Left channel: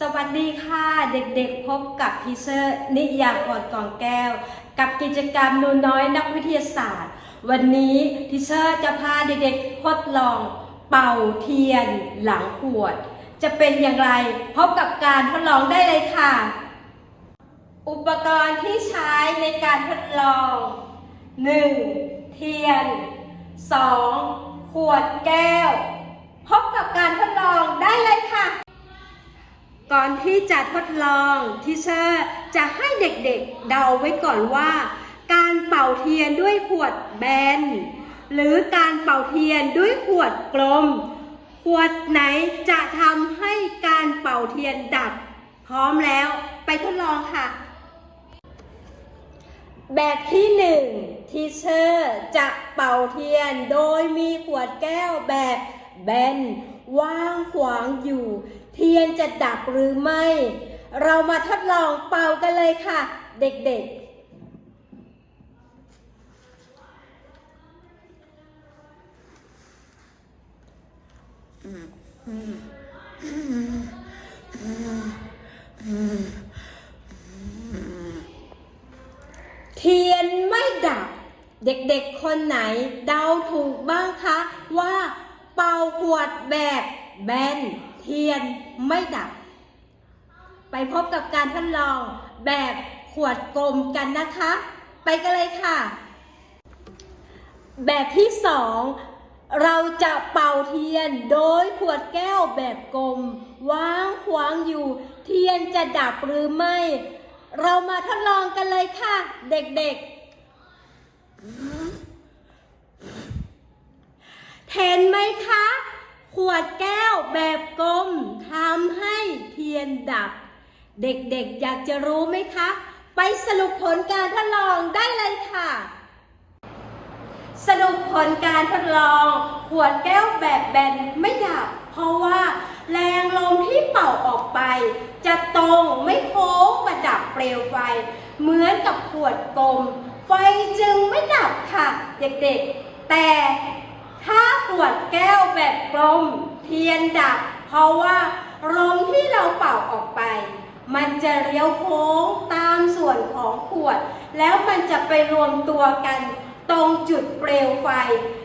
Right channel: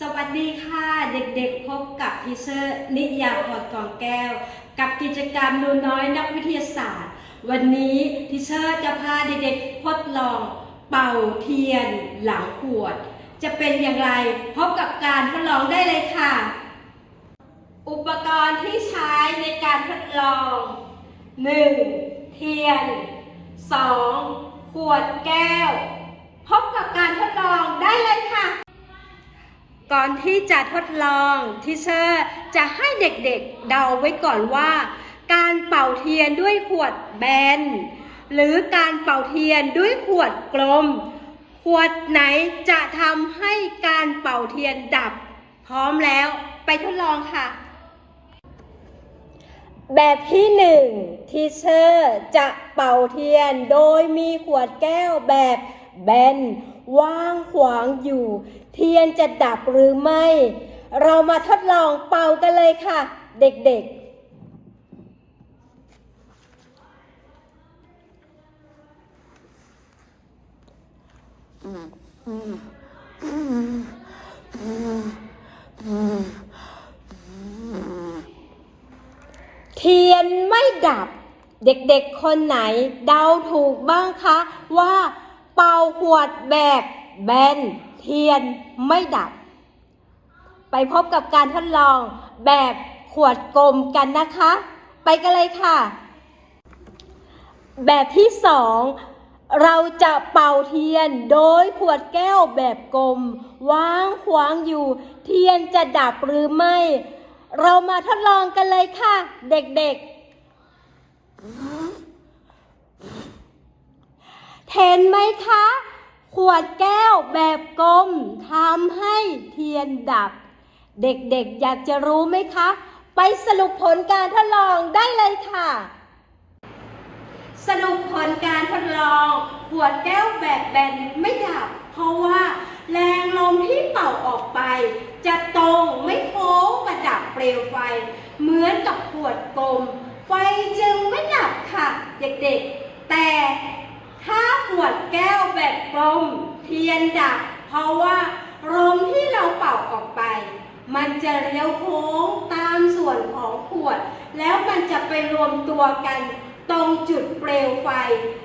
สวัสดีค่ะเด็กๆพบกับทีเซอร์นิยามพรกองแก้ว กับกิจกรรมนูน้อยนักวิทยาศาสตร์ วันนี้ทีเซอร์จะพาเด็กๆทดลองเป่าเทียนหลังขวด จะเป็นอย่างไรพบกับการทดลองได้เลยค่ะ อุปกรณ์ที่ใช้ในการทดลอง 1. เทียน 2. ขวดแก้ว พบกับการทดลองได้เลยค่ะ ก่อนที่จะทดลองทีเชอร์จะให้เด็กๆเดาไว้ก่อนว่า การเป่าเทียนด้วยขวดแบน หรือการเป่าเทียนด้วยขวดกลม ขวดไหนจะทำให้การเป่าเทียนดับ พร้อมแล้วไปทดลองค่ะ แบบที่หนึ่งทีเชอร์จะเป่าเทียนโดยมีขวดแก้วแบบ แบนว่างขวางอยู่ เทียนจะดับหรือไม่ เรามาทดลองเป่ากันเลยค่ะ เด็กๆเทียนไม่ดับ เด็กๆคนไหนเดาถูกบ้างคะว่า เป่าขวดแบบแบนเทียนไม่ดับ ไปพบกับการทดลองแบบขวดกลมกันนะคะ ไปกันเลยค่ะ แบบที่สองเราจะเป่าเทียนโดยขวดแก้วแบบกลมวางขวางอยู่ เทียนจะดับหรือไม่ เรามาทดลองกันเลยค่ะ เด็กๆ เห็นไหมคะ ขวดแก้วแบบกลมทำให้เทียนดับ เด็กๆอยากจะรู้ไหมคะ ไปสรุปผลการทดลองได้เลยค่ะ สรุปผลการทดลอง ขวดแก้วแบบแบนไม่ดับ เพราะว่าแรงลมที่เป่าออกไป จะตรงไม่โค้งมาดับเปลวไฟ เหมือนกับขวดกลม ไฟจึงไม่ดับค่ะ เด็กๆ แต่ ถ้าขวดแก้วแบบกลมเทียนดับเพราะว่าลมที่เราเป่าออกไป มันจะเลี้ยวโค้งตามส่วนของขวด แล้วมันจะไปรวมตัวกัน ตรงจุดเปลวไฟ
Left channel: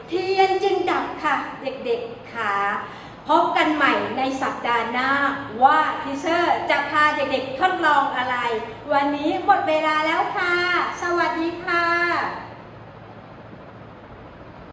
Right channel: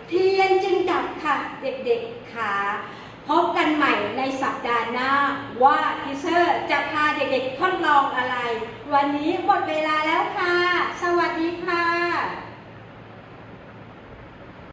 เทียนจึงดับค่ะ เด็กๆค่ะพบกันใหม่ในสัปดาห์หน้าว่าทีเซอร์จะพาเด็กๆทดลองอะไร วันนี้หมดเวลาแล้วค่ะ สวัสดีค่ะ